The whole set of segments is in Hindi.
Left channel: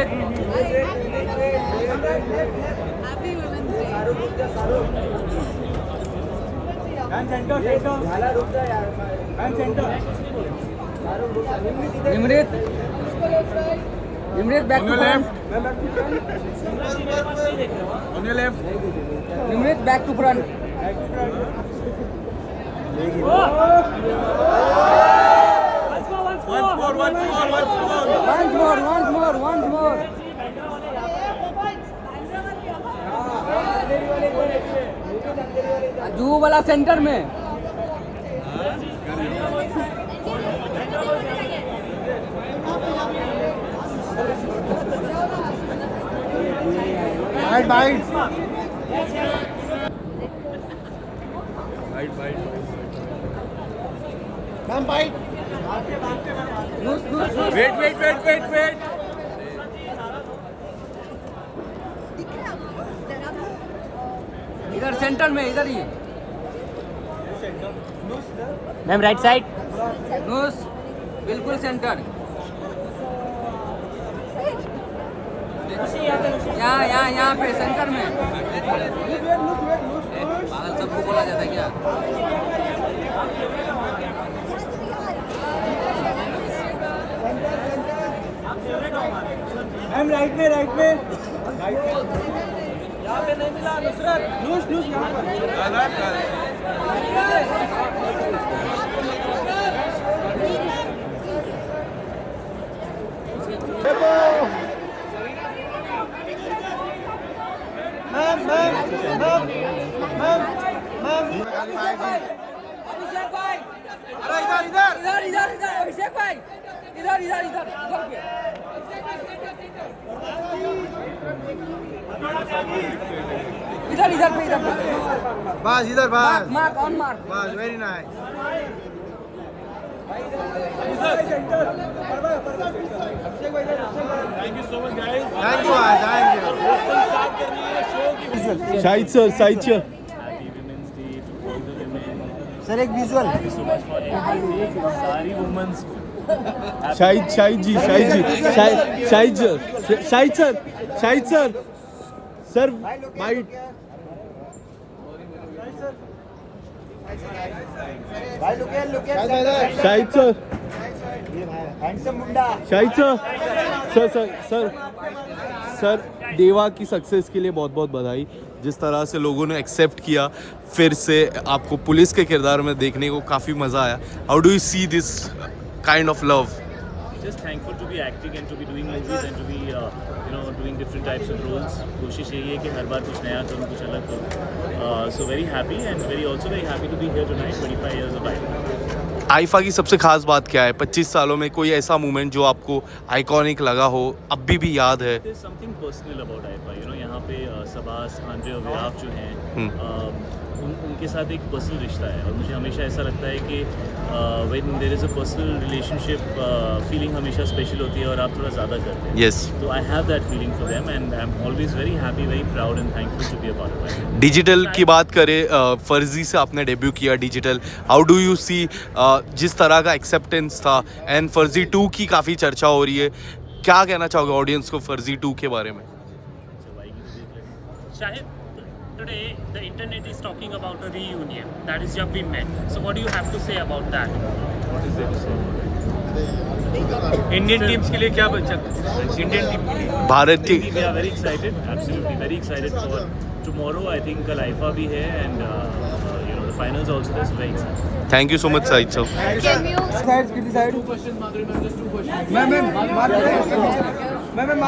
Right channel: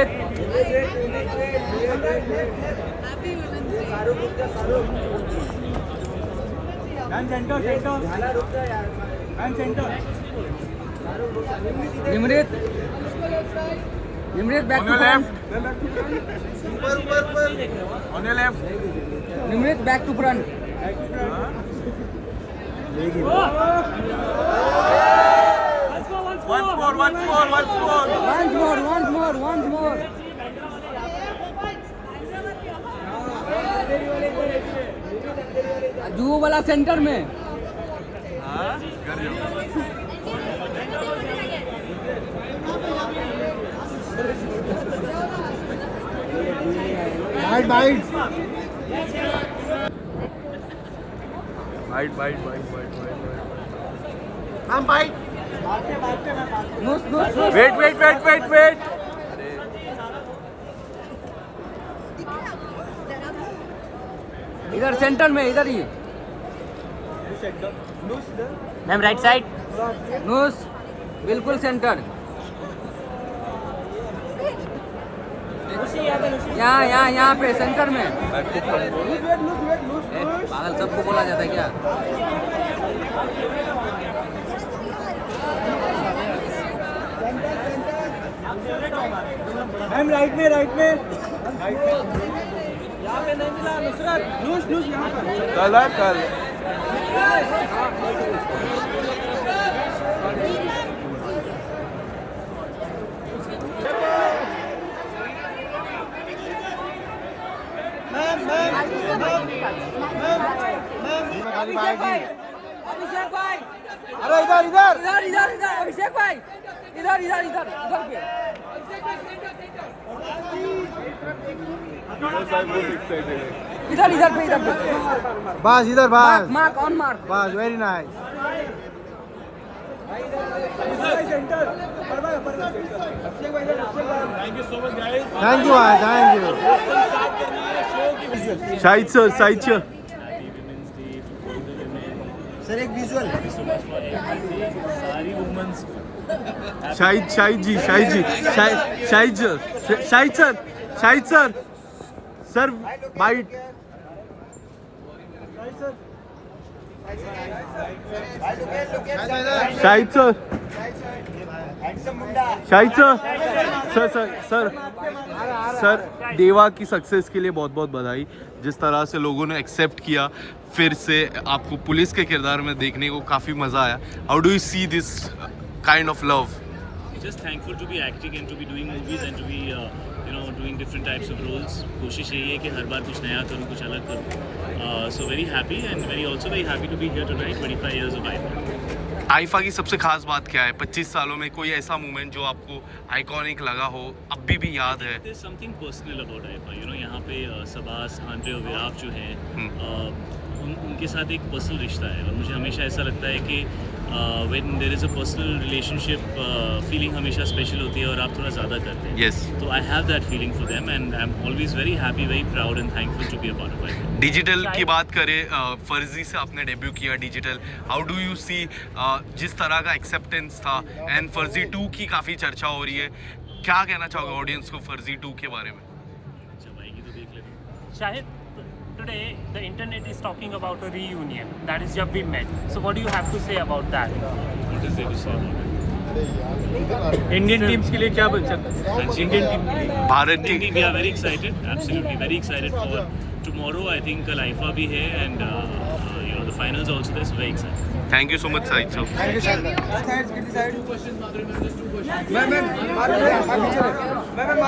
Nimrit happy women's day. Nimrit Nimrit back to front On your left. Nimrit back to front Once more. once more Juhu वाला सेंटर में Bite. Ma'am, bite. Wait. इधर सेंटर में इधर ही मैम राइट साइड। नूस बिल्कुल सेंटर यहाँ पे सेंटर में पागल सबको बोला जाता है क्या मैम राइट में यहाँ पे नहीं मिला नुसरत नूस यहाँ पर अभिषेक भाई अरे इधर अभिषेक भाई इधर पे इधर पे बस इधर मार्क ऑन मार्क बस very nice thank you so much guys thank you Shahid sir sir एक विजुअल सारी women's Shahid sir bite sir Deva की सक्सेस के लिए बहुत बहुत बधाई। जिस तरह से लोगों ने एक्सेप्ट किया, फिर से आपको पुलिस के किरदार में देखने को काफ़ी मज़ा आया। How do you see this kind of love? Just thankful to be acting and to be doing movies and to be doing different types of roles. कोशिश यही है कि हर बार कुछ नया करूँ, कुछ अलग करूँ. So very happy and very happy to be here tonight. 25 years of IFA. IIFA की सबसे खास बात क्या है? 25 सालों में कोई ऐसा मोमेंट जो आपको आइकॉनिक लगा हो, अभी भी याद है? There's something personal about IFA. यहाँ पे सबास, आंद्रे और विराफ जो हैं, उनके साथ एक पर्सनल रिश्ता है और मुझे हमेशा ऐसा लगता है कि when there is a personal relationship, feeling हमेशा स्पेशल होती है और आप थोड़ा ज़्यादा करते हैं. यस. तो I have that feeling for them and I am always very happy, very proud and thankful to be a part of it. Digital की बात करें, फर्जी से आपने डेब्यू किया digital. How do you see जिस तरह का एक्सेप्टेंस था एंड फर्जी 2 की काफ़ी चर्चा हो रही है, क्या कहना चाहोगे ऑडियंस को फर्जी 2 के बारे में? जब आएगी तो देख लेंगे. Shahid, today the internet is talking about a reunion. That is Jab We Met. So what do you have to say about that? What is there to say about it? Indian teams के लिए क्या बचा? Indian team के लिए भारत की we are very excited, absolutely very excited for tomorrow. I think कल IFA भी है and the finals also there, so very excited. Thank you so much Shahid sir.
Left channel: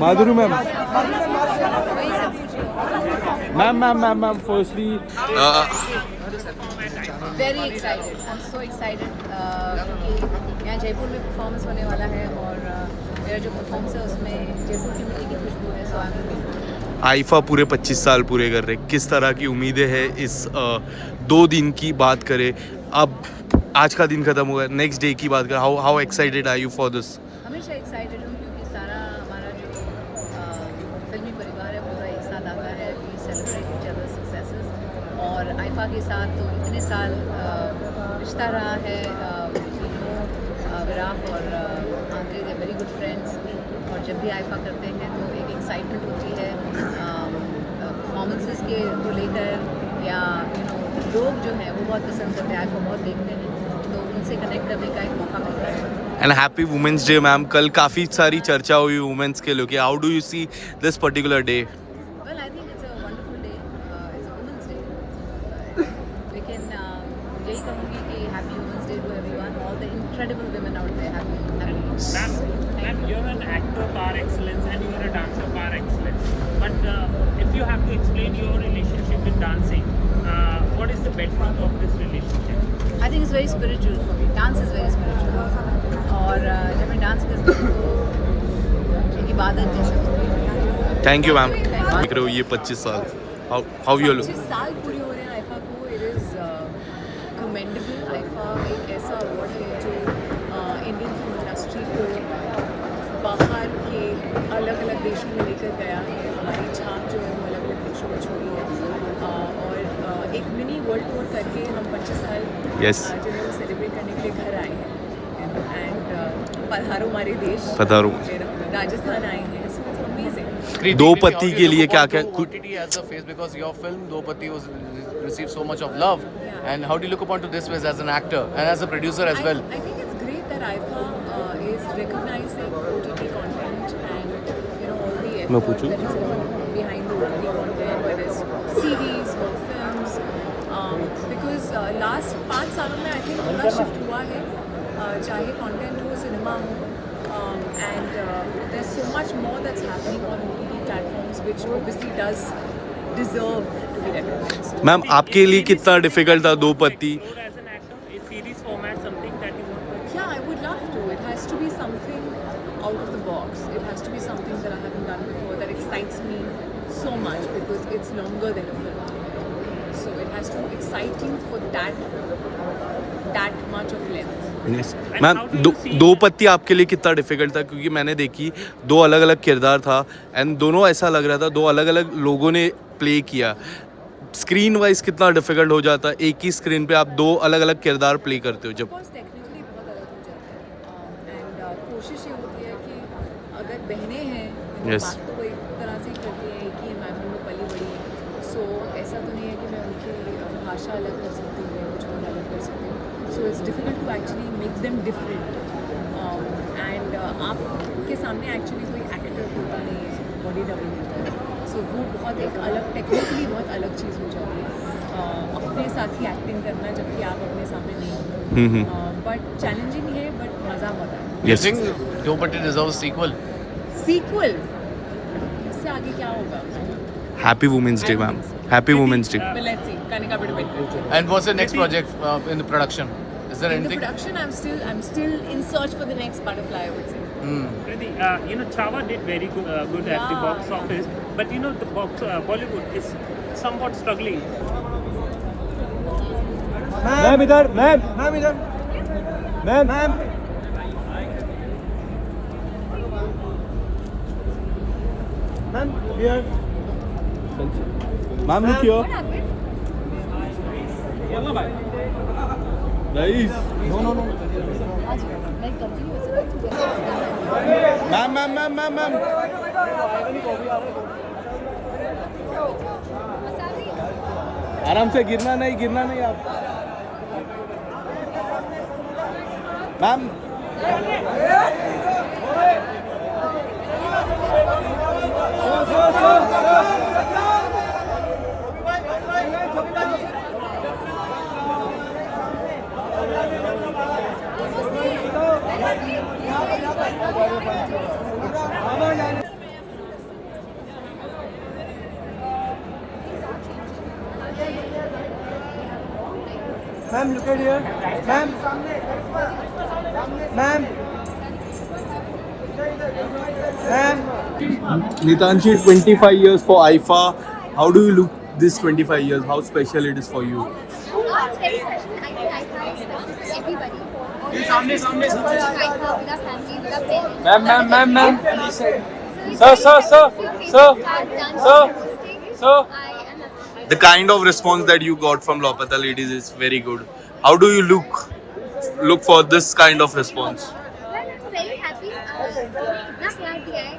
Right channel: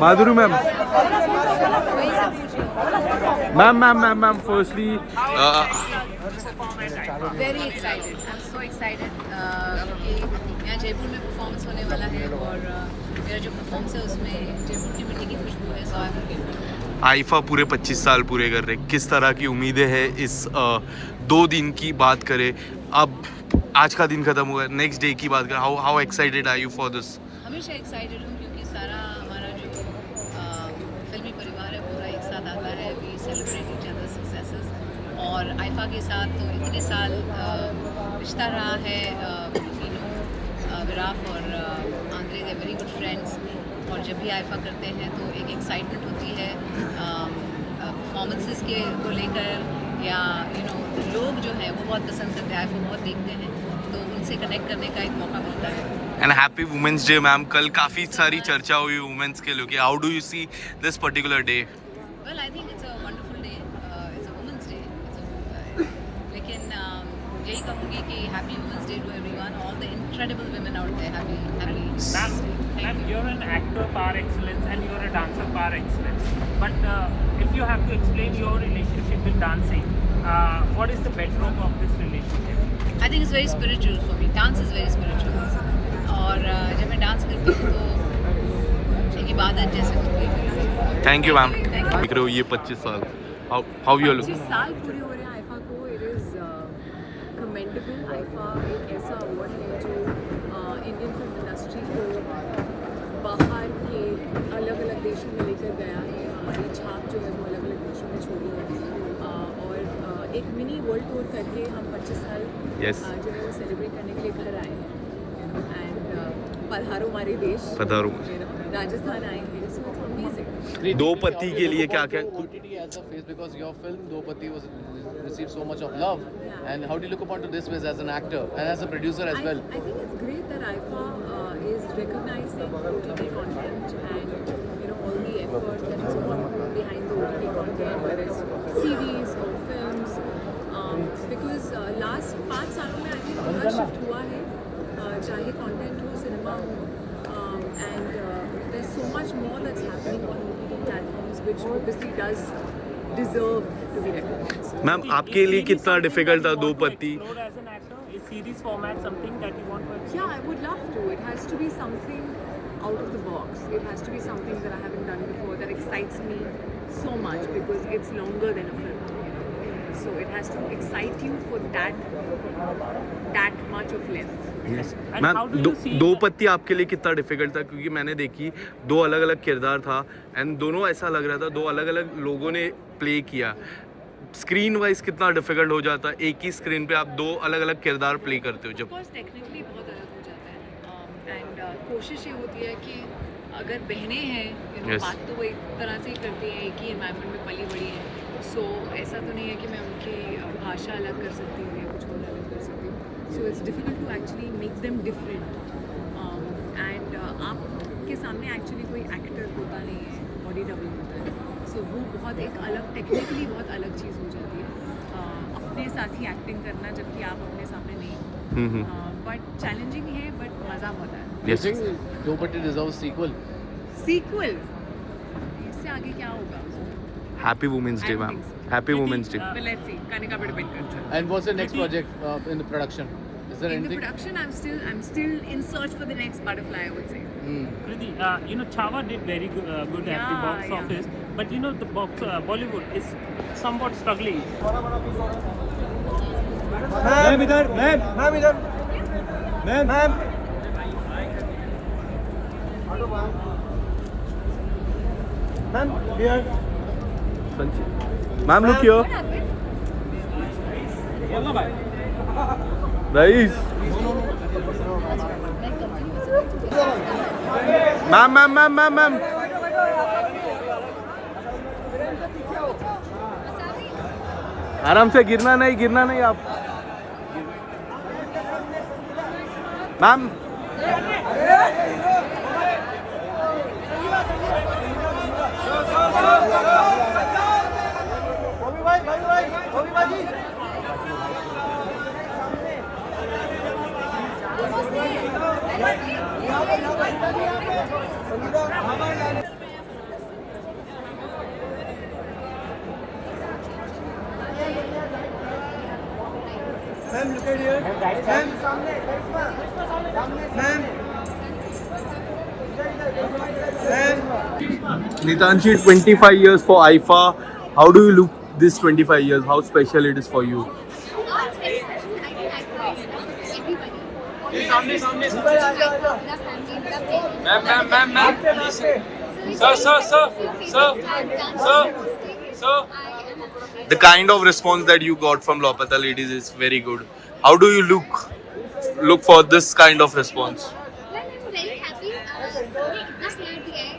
Madhuri ma'am, ma'am firstly very excited, I am so excited क्योंकि यहाँ जयपुर में परफॉर्मेंस होने वाला है और मेरा जो परफॉर्मेंस है उसमें जयपुर की मिट्टी की खुशबू है. सो आई एम लुकिंग. आईफा पूरे 25 साल पूरे कर रहे, किस तरह की उम्मीदें हैं इस 2 दिन की बात करें? अब आज का दिन खत्म हुआ, नेक्स्ट डे की बात करें. How excited are you for this? हमेशा एक्साइटेड हूँ क्योंकि सारा हमारा जो फिल्मी परिवार है पूरा एक साथ आता है. We celebrate each other successes और आईफा के साथ तो इतने साल रिश्ता रहा है. विराफ और Andre, they very good friends और जब भी आईफा करते हैं तो एक एक्साइटमेंट होती है परफॉर्मेंसेस के को लेकर, या लोग जो हैं वो बहुत पसंद करते हैं, आईफा बहुत देखते हैं, तो उनसे कनेक्ट करने का एक मौका मिलता है। And happy women's day ma'am. कल काफ़ी सारी चर्चा हुई वुमेंस के लेके, how do you see this particular day? Well I think it's a wonderful day, it's a women's day, लेकिन यही कहूँगी कि happy women's day to everyone, all the incredible women out there, happy And you're an actor par excellence and you're a dancer par excellence. But if you have to explain your relationship with dancing, what is the bedrock of this relationship? I think it's very spiritual for me, dance is very spiritual, और जब मैं डांस करती हूँ तो एक इबादत जैसे होती है। Thank you ma'am. Thank you. देख रहे हो ये 25 साल, हाउ यू लुक? 25 साल पूरे हो रहे हैं आईफा को। It is commendable. आईफा एक ऐसा अवार्ड है जो इंडियन फिल्म इंडस्ट्री को बाहर के अलग अलग देशों में लेकर गया है। हमारी छाप जो है वो अलग अलग देशों में छोड़ी है, और एक मिनी वर्ल्ड टूर करके हम 25 साल Yes. जो है वो सेलिब्रेट करने के लिए घर आए हैं, एंड पधारो हमारे देश, पधारो। राजस्थान आए हैं, सो इट्स अमेजिंग। दो पति के लिए क्या क्या OTT as a face, because your film Dopati was received so much of love, Yeah. and how do you look upon to this as an actor and as a producer as well? I think it's great that IFA is recognizing OTT content and all the effort that has gone behind the OTT content, whether it's series or films, because last 5 सालों में I think थोड़ा shift हुआ है, चाहे content हो, cinema हो, and there's so much more that's happening on OTT platforms, which obviously does deserve to be recognized. Ma'am आपके लिए कितना डिफिकल्ट था दो पति? Explore as an actor, is series format something that you want to explore? Yeah, I would love to. It has to be something out of the box. It has to be something that I haven't done before, that excites me so much, because it's longer than a film. So it has to excite you for that much of length. Ma'am दो पत्ती आपके लिए कितना डिफिकल्ट था? क्योंकि मैंने देखी दो अलग अलग किरदार था, एंड दोनों ऐसा लग रहा था दो अलग अलग लोगों ने प्ले किया। स्क्रीन वाइज कितना डिफिकल्ट हो जाता है, एक ही स्क्रीन पे आप दो अलग अलग किरदार प्ले करते हो जब? Of course, technically बहुत अलग हो जाता है, and कोशिश ये होती है कि अगर बहनें हैं, Yes. बात तो वो एक तरह से ही करती हैं, एक ही एनवायरनमेंट में पली बड़ी हैं, सो ऐसा तो नहीं है कि मैं उनकी भाषा अलग कर सकती हूँ या कुछ और अलग कर सकती हूँ। So it's difficult to actually make them different, and आपके सामने एक्चुअली कोई एक्टर होता नहीं है, बॉडी डबल होता है, सो वो बहुत एक अलग, टेक्निकली बहुत अलग चीज़ हो जाती है, अपने साथ ही एक्टिंग करना जबकि आप अपने सामने नहीं हो, बट चैलेंजिंग है, बट मज़ा बहुत आता है। You think Dopati deserves sequel? Sequel, इससे आगे क्या होगा उसमें? Happy women's day ma'am, happy women's day. But let's see, Kanika पे depend करता है। And what's the next project in the production? Is there In the anything? production, I'm still in search for the next butterfly, I would say. Kriti, Chhawa did very good at the Yeah, box yeah. office, but the Bollywood is somewhat struggling. Ma'am इधर, मैम इधर, ma'am here. Ma'am look here, nice. Ma'am आराम से, गिरना नहीं आप। Ma'am ma'am look at here, ma'am Nitanshi, 25 years for IFA. How do you look this 25 years? How special it is for you? Oh, it's very special. I think IFA is special for everybody. All the artists who work for IFA, with our family, with our parents. Ma'am. Sir. I am absolutely. The kind of response that you got from Lopata ladies is very good. How do you look for this kind of response? Well, I'm very happy. सबने इतना प्यार दिया है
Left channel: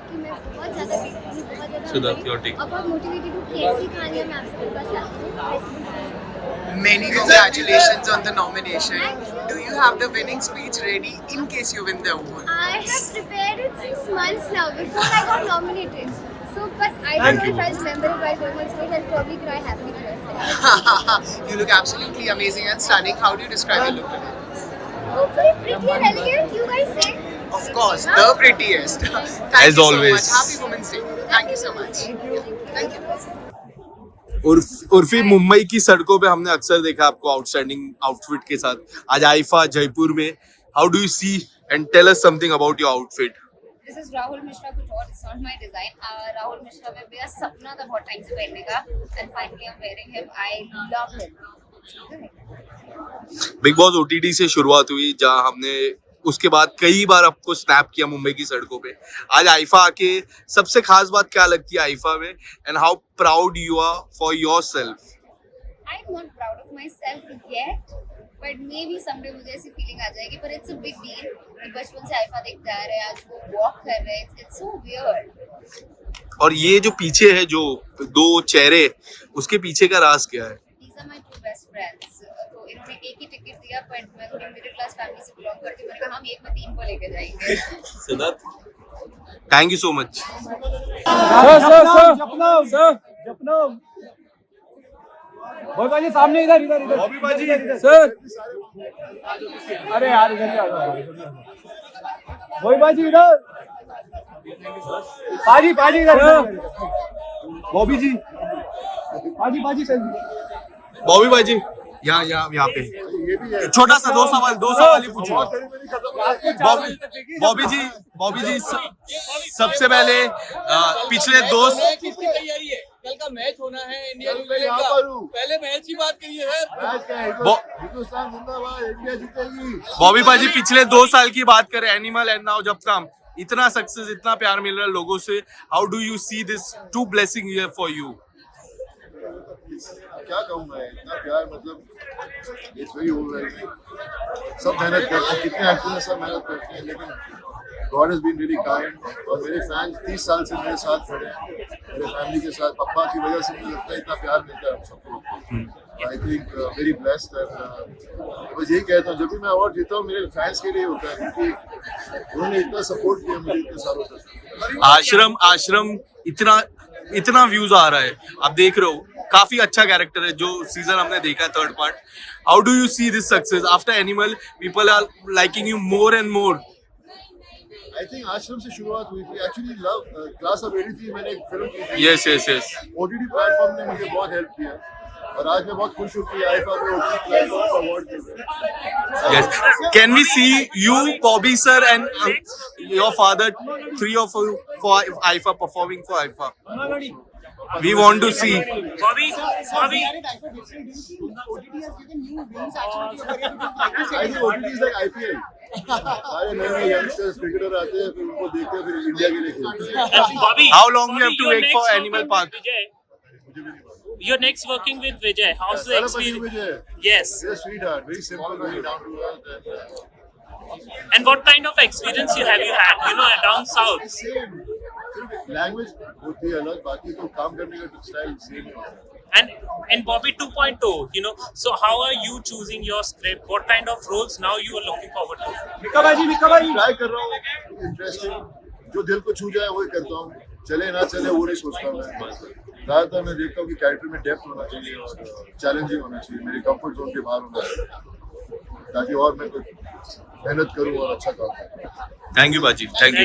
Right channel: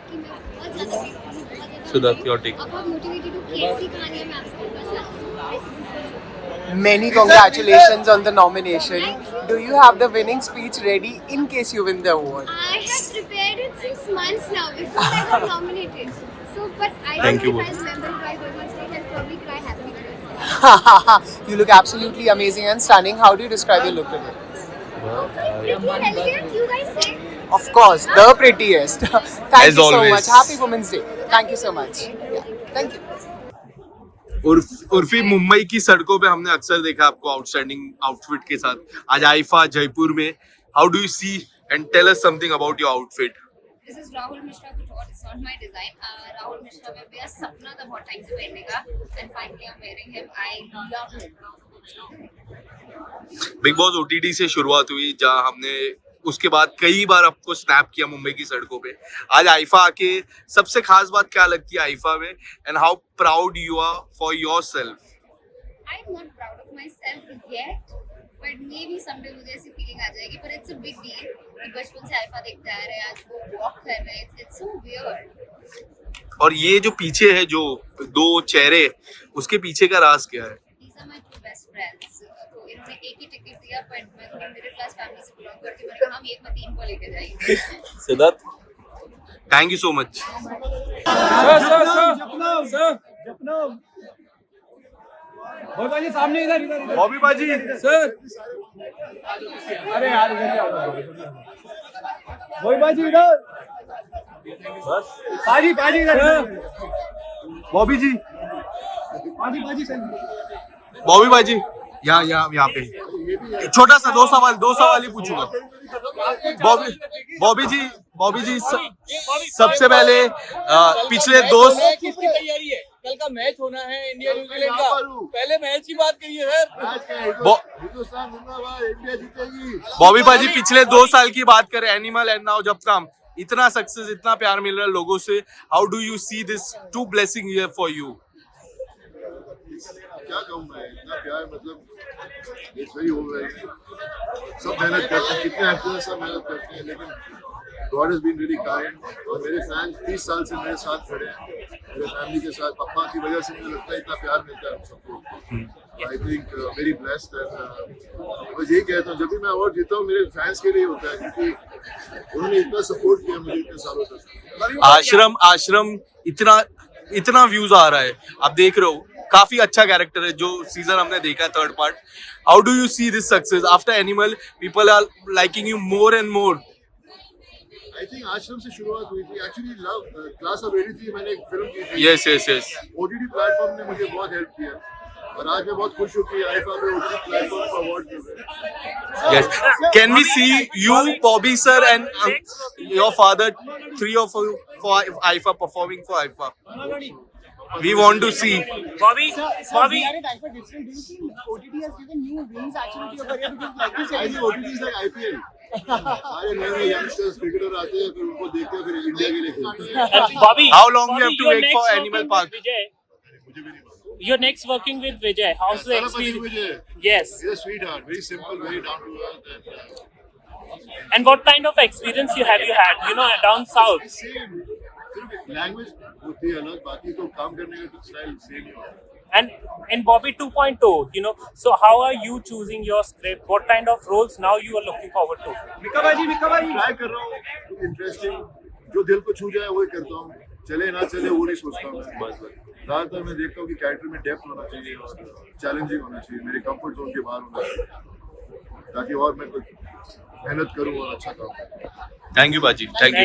बहुत ज़्यादा grateful हूँ, बहुत ज़्यादा सिद्धार्थ, your take. अब बहुत मोटिवेटेड हूँ कि ऐसी कहानियाँ मैं आपसे बस चाहती हूँ। Many congratulations on the nomination. Do you have the winning speech ready in case you win the award? I have prepared it 6 months now before I got nominated. So, but I Thank don't you. know if I'll remember it while going on stage. I'll probably cry happily. You look absolutely amazing and stunning. How do you describe your look today? Hopefully pretty and elegant, you guys say. Of course, the prettiest. Thank As you always. so much. Happy Women's Day. Thank you so much. Thank you. Urfi Mumbai की सड़कों पे हमने अक्सर देखा आपको आउटस्टैंडिंग आउटफिट के साथ। आज आइफा जयपुर में, how do you see and tell us something about your outfit. This is Rahul Mishra Couture. It's not my design. Rahul Mishra में मेरा सपना था बहुत टाइम से पहनने का, and finally I'm wearing him. I love him. Big boss OTT से शुरुआत हुई, जहां हमने उसके बाद कई बार आपको स्नैप किया मुंबई की सड़कों पे। आज आइफा आके सबसे खास बात क्या लगती है आइफा में, and how proud you are for yourself? I'm not proud of myself yet, but maybe someday मुझे ऐसी फीलिंग आ जाएगी, but it's a big deal कि बचपन से आइफा देखते आ रहे हैं, आज वो वॉक कर रहे हैं, it's so weird. और ये जो पीछे है, जो दो चेहरे, उसके पीछे का राज क्या है? These are my two best friends. तो इन्होंने एक ही टिकट दिया, but मैं थोड़ी मिडिल क्लास फैमिली से बिलोंग करती हूँ, मैंने कहा हम एक में 3 को लेके जाएंगे. Siddharth, thank you so much. जपनम भाई बाजी सामने, इधर बॉबी बाजी सर। अरे यार इधर ही आ जाओ भाई बाजी, इधर बाजी इधर। बॉबी जी, बाजी सही। बॉबी बाजी, यहाँ पे छोटा सा दो सवाल ही पूछूंगा। बॉबी जी सबसे पहले पिछले कल का मैच होना है इंडिया न्यूजीलैंड का, पहले मैच की बात करिए सर। हिंदुस्तान जिंदाबाद, इंडिया जीतेगी। बॉबी बाजी पिछले 2 साल की बात करें, एनिमल एंड नाउ जब तक इतना सक्सेस, इतना प्यार मिल रहा है लोगों से, how do you see this two blessing year for you? क्या कहूँ मैं, इतना प्यार, मतलब इट्स वेरी ओवरवेलमिंग। सब मेहनत करते हैं, कितने एक्टर्स हैं, सब मेहनत करते हैं, लेकिन God has been really kind. और मेरे फैंस 30 साल से मेरे साथ खड़े हैं, मेरे फैमिली के साथ, पापा की वजह से मुझे लगता है इतना प्यार मिलता है सबको। I think very blessed. बस यही कहता हूँ, जब भी मैं अवार्ड जीता हूँ मेरे फैंस के लिए होता है, क्योंकि उन्होंने इतना सपोर्ट किया मुझे इतने सालों तक। आश्रम इतना व्यूज आ रहा है, आप देख रहे हो, काफी अच्छा कैरेक्टर है जो सीजन हमने देखा, 3rd part. How do you see this success after Animal? People are liking you more and more. I think Aashram से शुरुआत हुई थी, एक्चुअली लव क्लास ऑफ 83 मैंने एक फिल्म की थी। यस ओटीटी प्लेटफॉर्म ने मुझे बहुत हेल्प किया, और आज मैं बहुत खुश हूँ कि आइफा पे ओटीटी प्लेटफॉर्म का अवार्ड मिल रहा है। Yes. Can we see you, Bobby sir, and your father, 3 of you for IFA, performing for IFA? We want to see. Bobby. I think OTT is like IPL. सारे नए यंगस्टर्स क्रिकेटर आते हैं, फिर उनको देखते हैं, फिर इंडिया के लिए खेलते हैं। How long you have to wait for Animal Park? मुझे भी नहीं मालूम। You're next working with Vijay. How's the experience? Vijay. Yes. He's a sweetheart, very simple, very down to earth, And what kind of experience you had? You know, down south. Same. सिर्फ लैंग्वेज होती है अलग, बाकी तो काम करने का स्टाइल सेम है। And Bobby 2.0, you know, so how are you choosing your script? What kind of roles now you are looking forward to? Try कर रहा हूँ इंटरेस्टिंग, जो दिल को छू जाए वही करता हूँ, चले ना चले वो नहीं सोचता हूँ मैं। ज़्यादातर मैं देखता हूँ कि कैरेक्टर में डेप्थ होना चाहिए और चैलेंजिंग होना चाहिए, मेरे कंफर्ट जोन के बाहर होना चाहिए, ताकि और मैं कुछ मेहनत करूँ और अच्छा काम करूँ। Thank you, Baji. Thank you.